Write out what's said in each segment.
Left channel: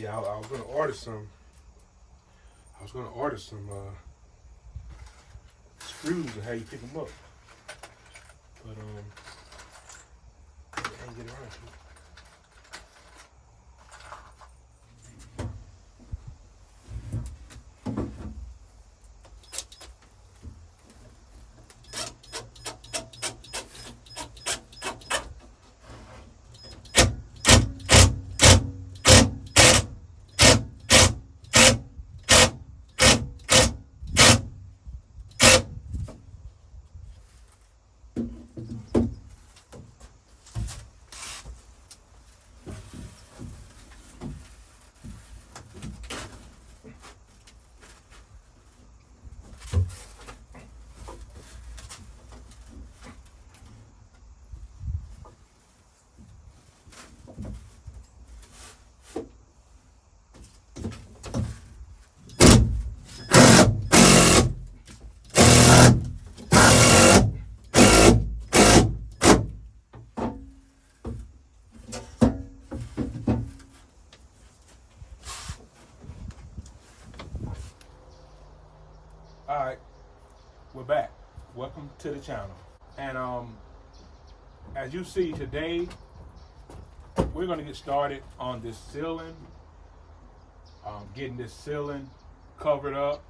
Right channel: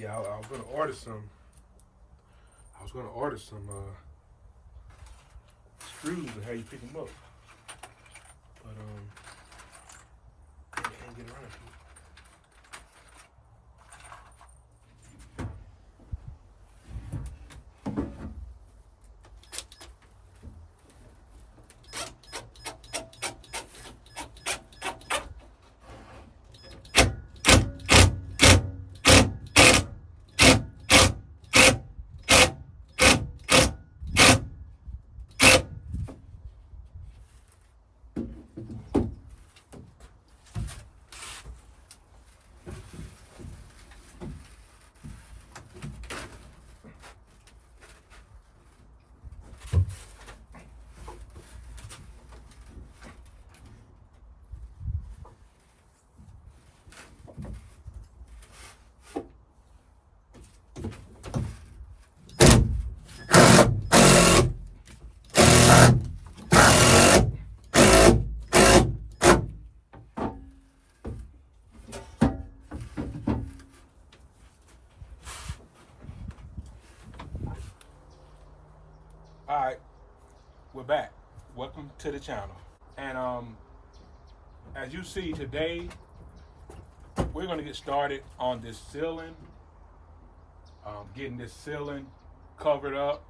Yeah, I was gonna order some. I was gonna order some screws and how you pick them up, but I ain't get around to it. All right, we're back. Welcome to the channel. And as you see today, we're gonna get started on this ceiling. Getting this ceiling covered up.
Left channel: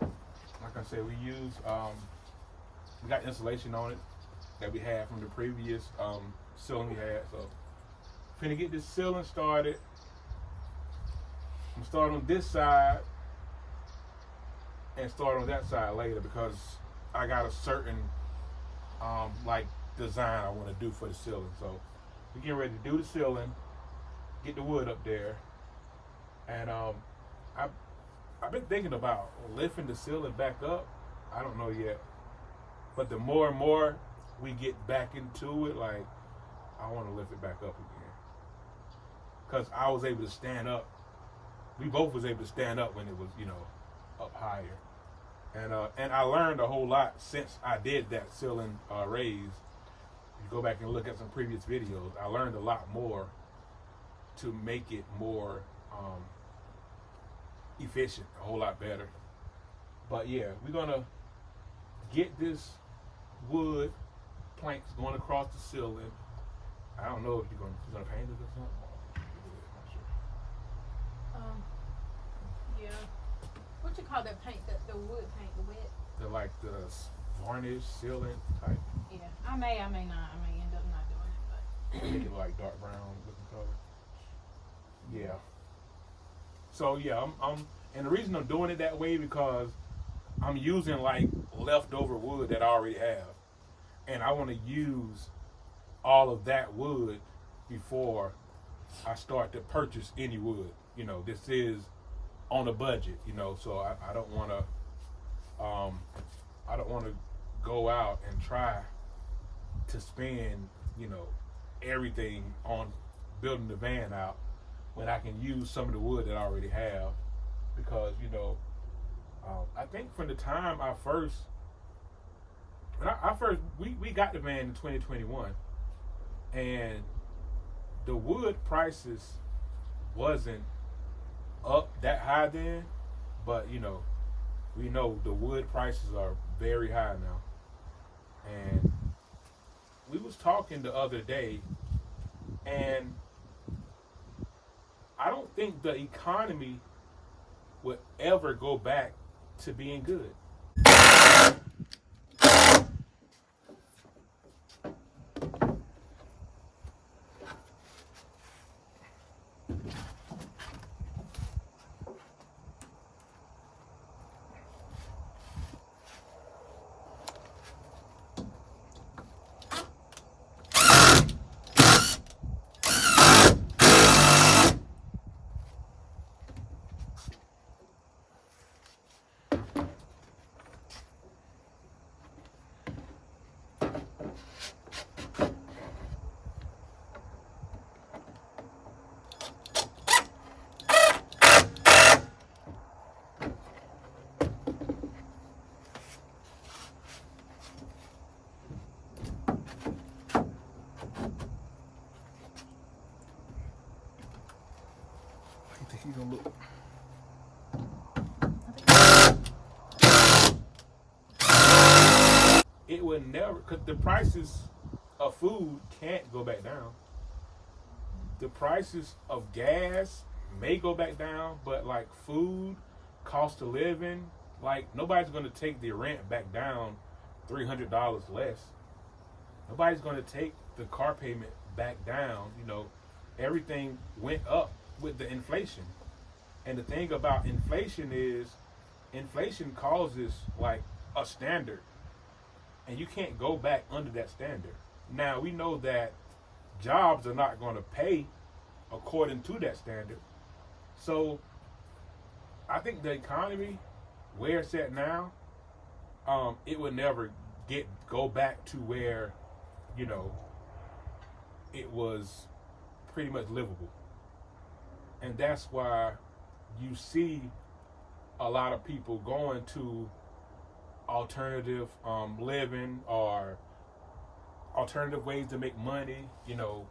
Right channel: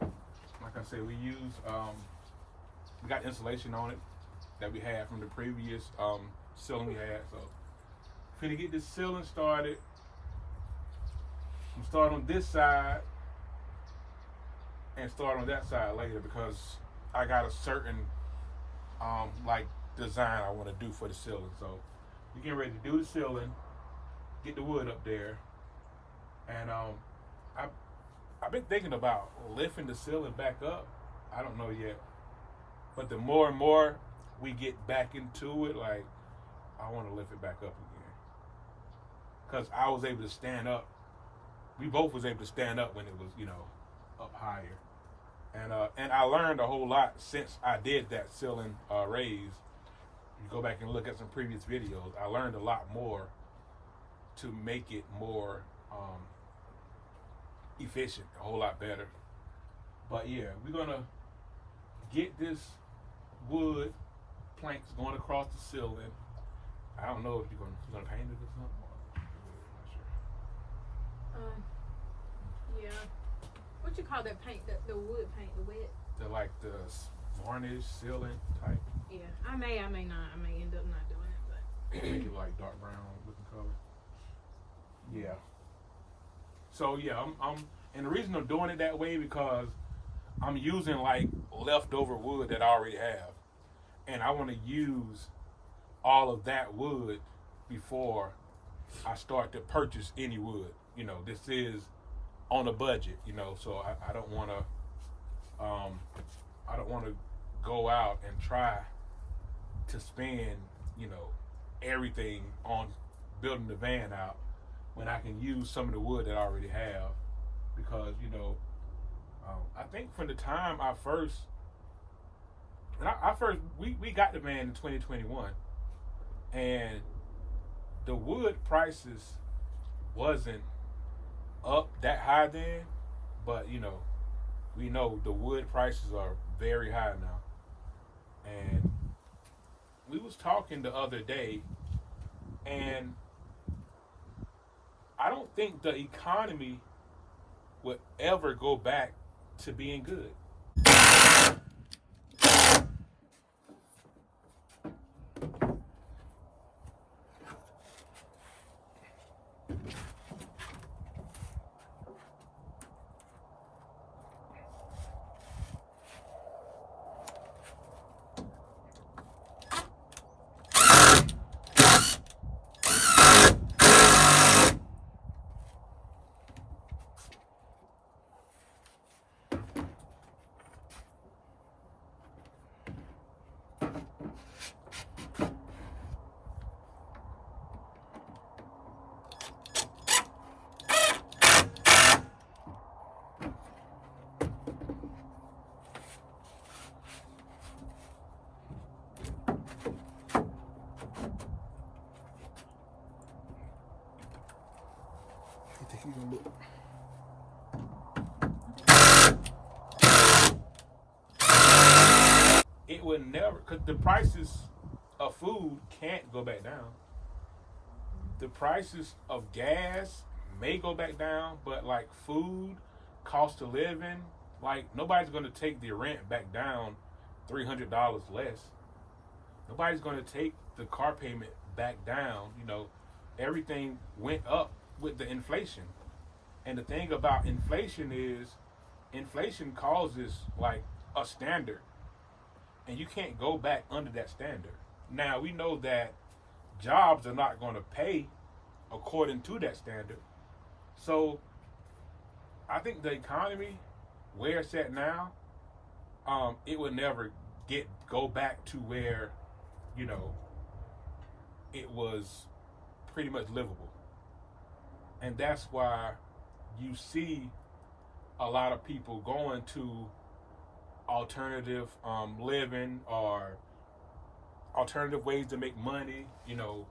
Like I said, we got insulation on it that we had from the previous ceiling we had. So, finna get this ceiling started. I'm starting on this side and start on that side later because I got a certain like design I want to do for the ceiling. So we're getting ready to do the ceiling, get the wood up there, and I've been thinking about lifting the ceiling back up. I don't know yet, but the more and more we get back into it, like I want to lift it back up again because I was able to stand up. We both was able to stand up when it was, up higher. And I learned a whole lot since I did that ceiling raise. If you go back and look at some previous videos, I learned a lot more to make it more efficient, a whole lot better. But yeah, we're gonna get this wood planks going across the ceiling. I don't know if you're gonna paint it or something. I'm not sure. Yeah. What you call that paint? The wood paint, the wet? The varnish ceiling type. Yeah. I may not. I may end up not doing it, but Make it like dark brown looking color. Yeah. So yeah, I'm and the reason I'm doing it that way because I'm using like leftover wood that I already have, and I want to use all of that wood before I start to purchase any wood. This is on a budget, so I don't want to go out and try to spend everything on building the van out when I can use some of the wood that I already have, because I think from the time we got the van in 2021, and the wood prices wasn't up that high then, but we know the wood prices are very high now. And we was talking the other day, and I don't think the economy would ever go back to being good. think he's gonna look. It would never, because the prices of food can't go back down. The prices of gas may go back down, but like food, cost of living, like nobody's gonna take the rent back down $300 less. Nobody's gonna take the car payment back down. You know, everything went up with the inflation. And the thing about inflation is inflation causes like a standard, and you can't go back under that standard. Now we know that jobs are not going to pay according to that standard. So I think the economy, where it's at now, it would never go back to where, you know, it was pretty much livable. And that's why you see a lot of people going to alternative living or alternative ways to make money. You know,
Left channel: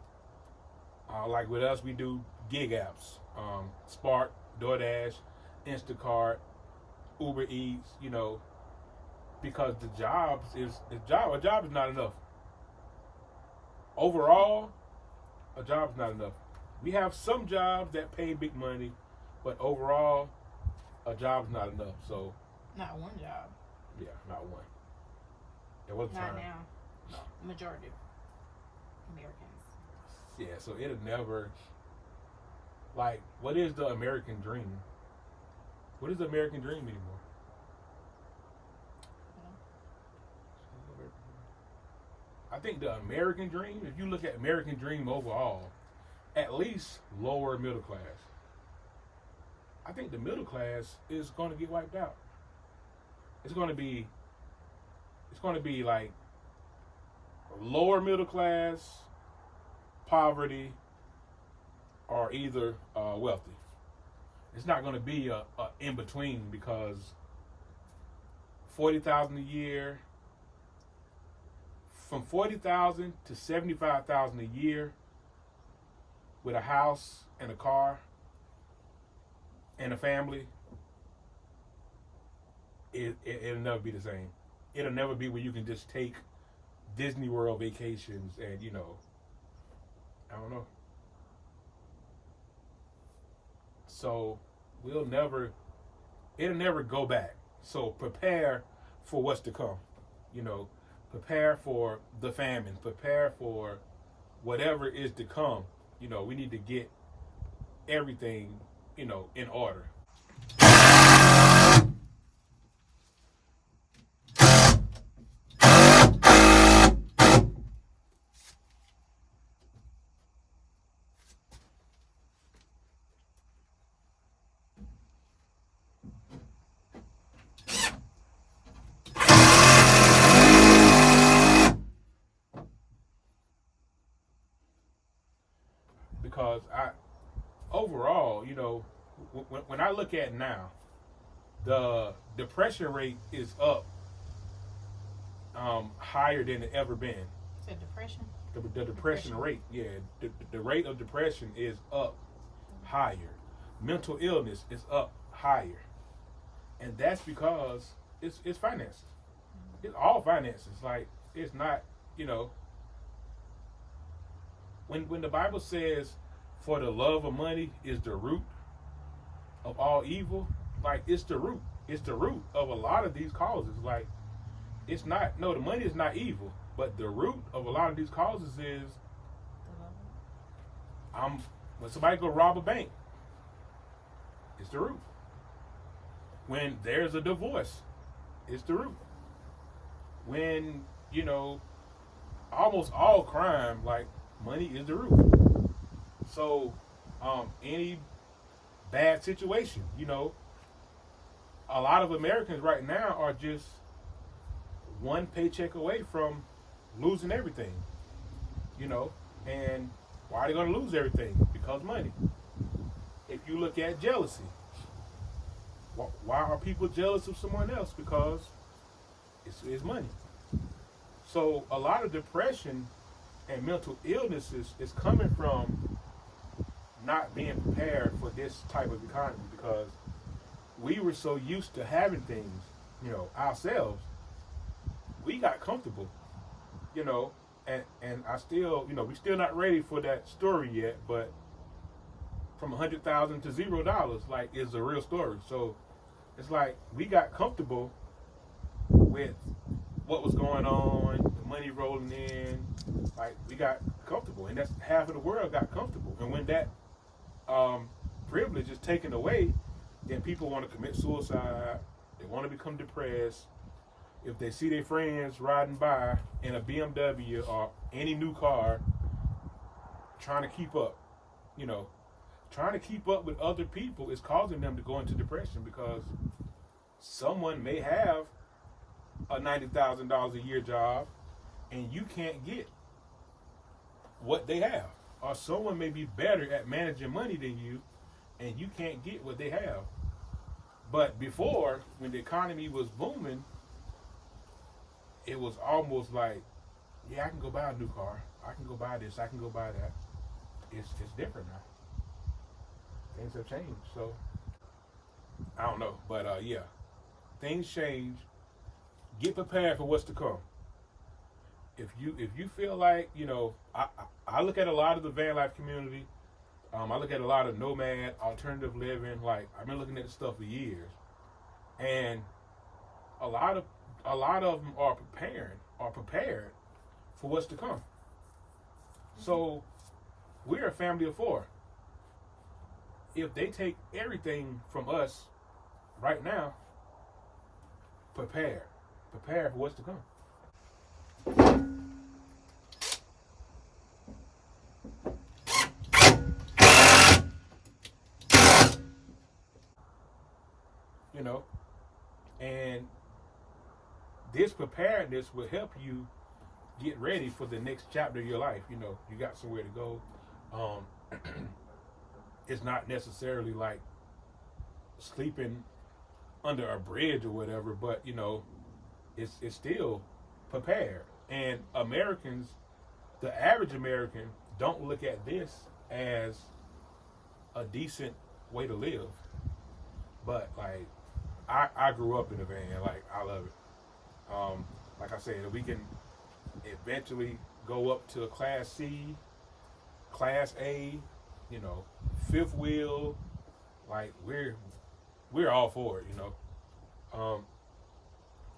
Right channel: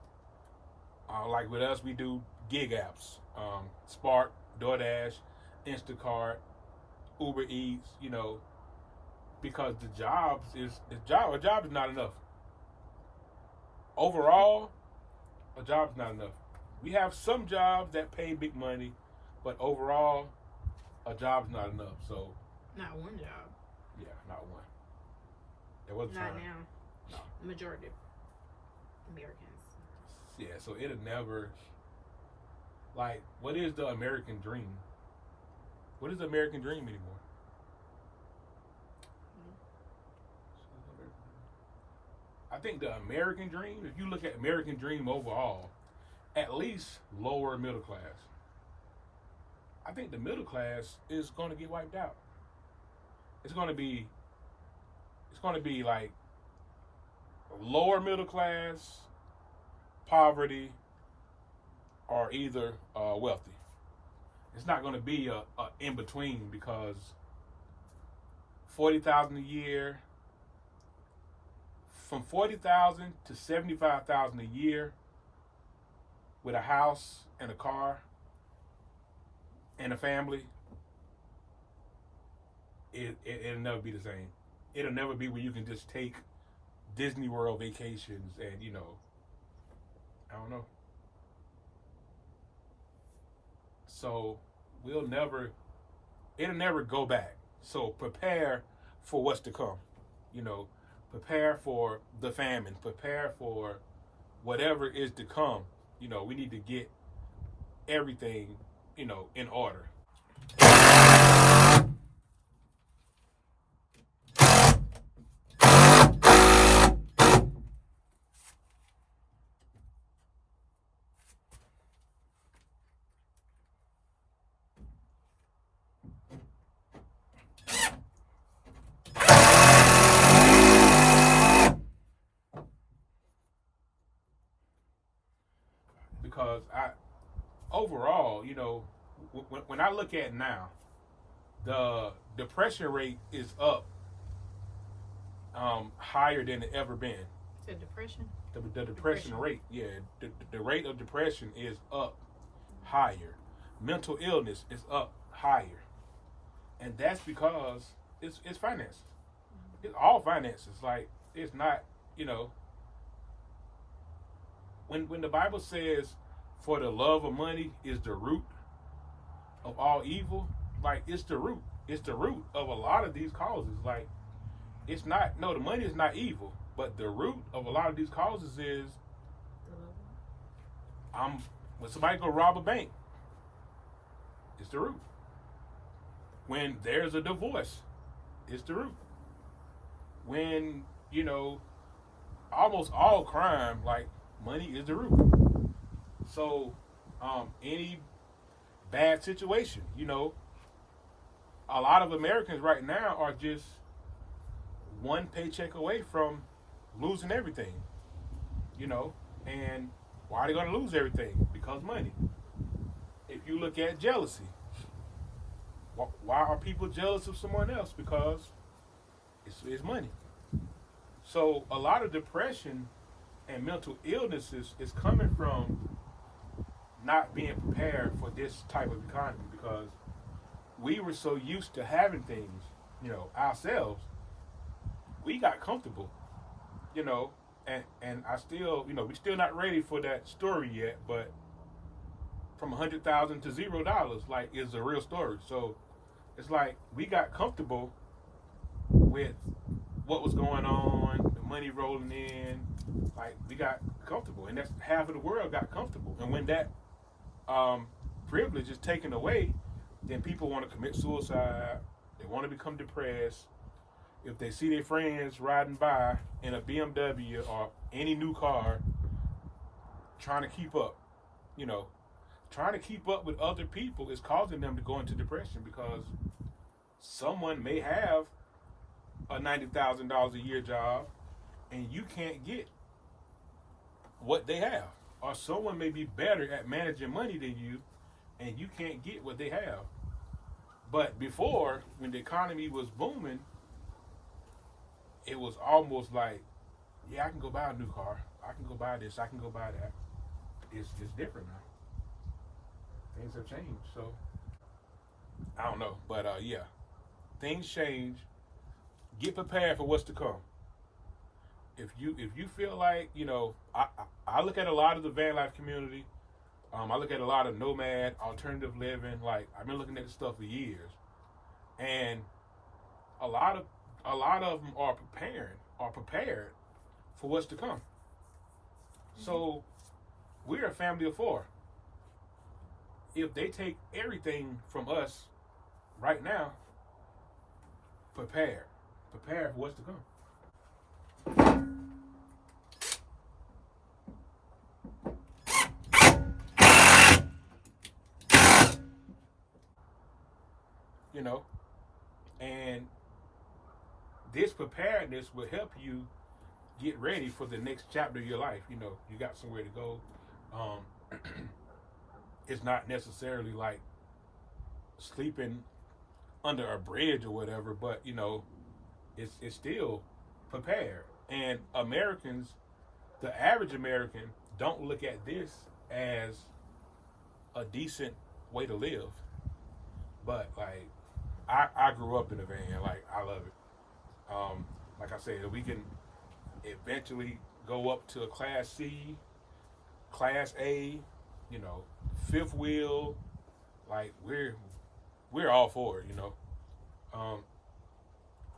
like with us, we do gig apps, Spark, DoorDash, Instacart, Uber Eats. You know, because a job is not enough. Overall, a job is not enough. We have some jobs that pay big money, but overall, a job is not enough. So, not one job. Yeah, not one. There was not time. now. No, majority of Americans. Yeah, so it'll never. Like, what is the American dream? What is the American dream anymore? I think the American dream, if you look at American dream overall, at least lower middle class. I think the middle class is going to get wiped out. It's going to be like lower middle class, poverty, or either wealthy. It's not going to be a in between, because $40,000 a year, from $40,000 to $75,000 a year, with a house and a car and a family, it'll never be the same. It'll never be where you can just take Disney World vacations and, you know, I don't know. So it'll never go back. So prepare for what's to come. You know, prepare for the famine, prepare for whatever is to come. You know, we need to get everything, you know, in order. Because overall, you know, when I look at now, the depression rate is up higher than it ever been. So depression? The depression rate, yeah, the rate of depression is up higher. Mental illness is up higher, and that's because it's finances. It's all finances. Like, it's not, you know. When the Bible says, for the love of money is the root of all evil, like, it's the root. It's the root of a lot of these causes. Like, it's not, no, the money is not evil, but the root of a lot of these causes is, when somebody go rob a bank, it's the root. When there's a divorce, it's the root. When, you know, almost all crime, like, money is the root. So, any bad situation, you know, a lot of Americans right now are just one paycheck away from losing everything, you know. And why are they going to lose everything? Because money. If you look at jealousy, why are people jealous of someone else? Because it's money. So a lot of depression and mental illnesses is coming from not being prepared for this type of economy because we were so used to having things, ourselves. We got comfortable, and I still, we still not ready for that story yet. But from 100,000 to $0, like, is a real story. So it's like we got comfortable with what was going on, the money rolling in. Like, we got comfortable, and that's half of the world got comfortable. And when that privilege is taken away, then people want to commit suicide. They want to become depressed. If they see their friends riding by in a BMW or any new car, trying to keep up, trying to keep up with other people is causing them to go into depression because someone may have a $90,000 a year job and you can't get what they have. Or someone may be better at managing money than you and you can't get what they have. But before, when the economy was booming, it was almost like, yeah, I can go buy a new car. I can go buy this. I can go buy that. It's different now. Things have changed. So, I don't know. But, yeah, things change. Get prepared for what's to come. If you feel like, I look at a lot of the van life community. I look at a lot of nomad, alternative living. Like, I've been looking at this stuff for years. And a lot of them are prepared for what's to come. Mm-hmm. So we're a family of 4. If they take everything from us right now, prepare for what's to come. And this preparedness will help you get ready for the next chapter of your life. You got somewhere to go. It's not necessarily like sleeping under a bridge or whatever, but it's still prepared. And Americans, the average American, don't look at this as a decent way to live. But like, I grew up in a van. Like, I love it. Like I said, we can eventually go up to a Class C, Class A, fifth wheel. Like, we're all for it,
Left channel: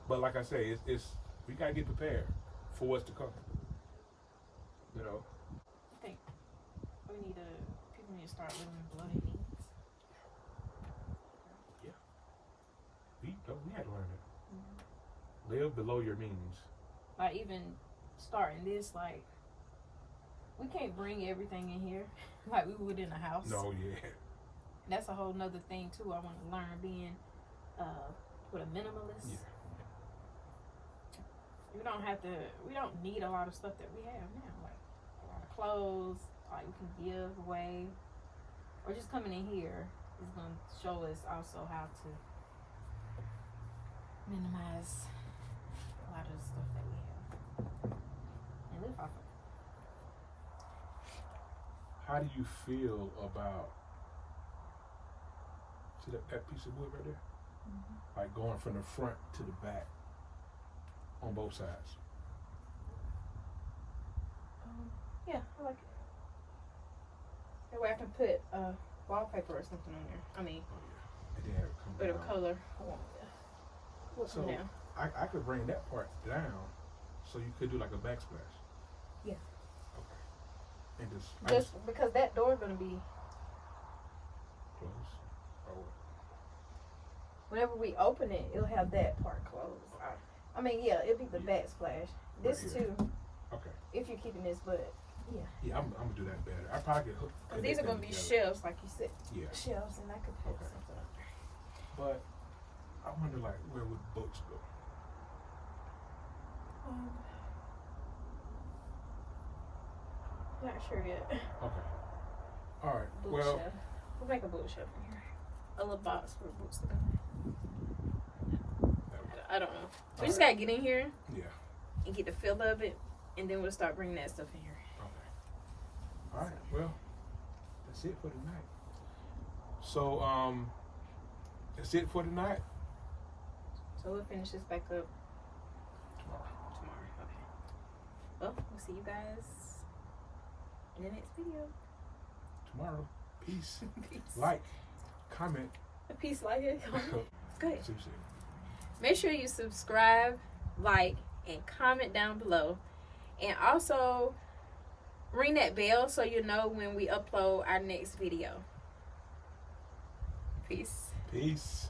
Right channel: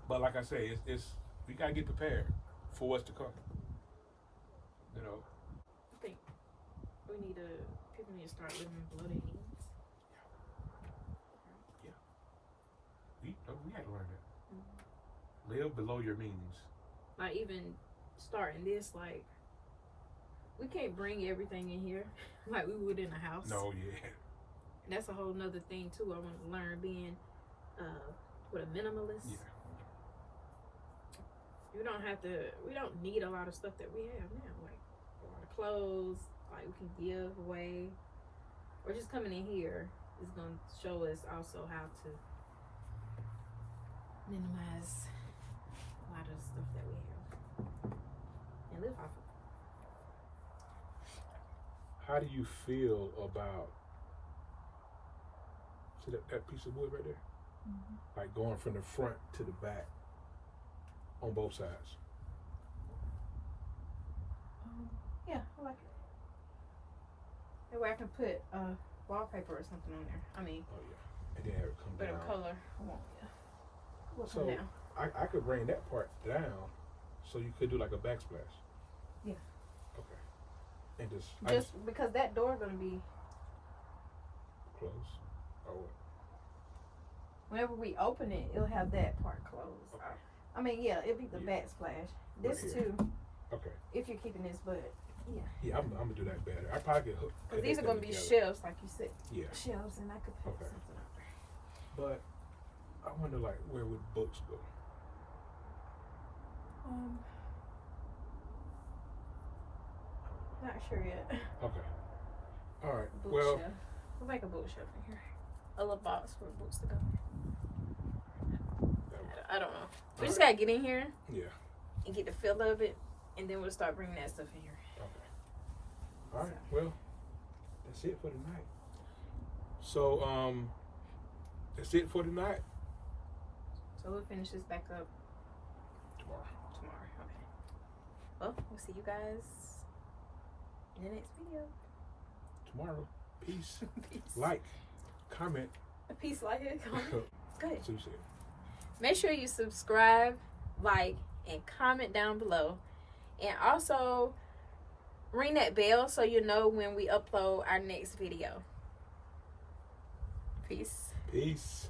But like I say, it's we gotta get prepared for what's to come. I think people need to start living below their means. We had to learn that. Mm-hmm. Live below your means. Like, even starting this, like, we can't bring everything in here like we would in a house. No, yeah. And that's a whole nother thing too. I want to learn being with a minimalist. Yeah. We don't need a lot of stuff that we have now. Like a lot of clothes, like we can give away. Or just coming in here is going to show us also how to minimize a lot of the stuff that we have and live off of. How do you feel about, see that piece of wood right there? Mm-hmm. Like going from the front to the back on both sides. Yeah, I like it. That way I can put wallpaper or something on there. I mean, oh yeah, and then have it come bit down. of color. I want So I could bring that part down, so you could do like a backsplash. Yeah. Okay. And just because that door gonna be closed or what? Whenever we open it, it'll have that part closed. Okay. I mean, yeah, it'll be the backsplash. This right too. Okay. If you're keeping this, but yeah. Yeah, I'm gonna do that better. I probably could hook. Because these are gonna be shelves, like you said. Yeah. Shelves, and I could put something up. But I wonder, like, where would books go? Not sure yet. Okay. All right. We'll make a bookshelf in here. A little box for books to go. I don't know. We just gotta get in here. Yeah. And get the feel of it, and then we'll start bringing that stuff in here. Okay. All right. So. Well, that's it for tonight. So that's it for tonight. So we'll finish this back up Tomorrow. okay. Well, we'll see you guys in the next video. Tomorrow. Peace. Peace. Like, comment. Peace, like it. Good. Make sure you subscribe, like, and comment down below. And also ring that bell so you know when we upload our next video. Peace. Peace.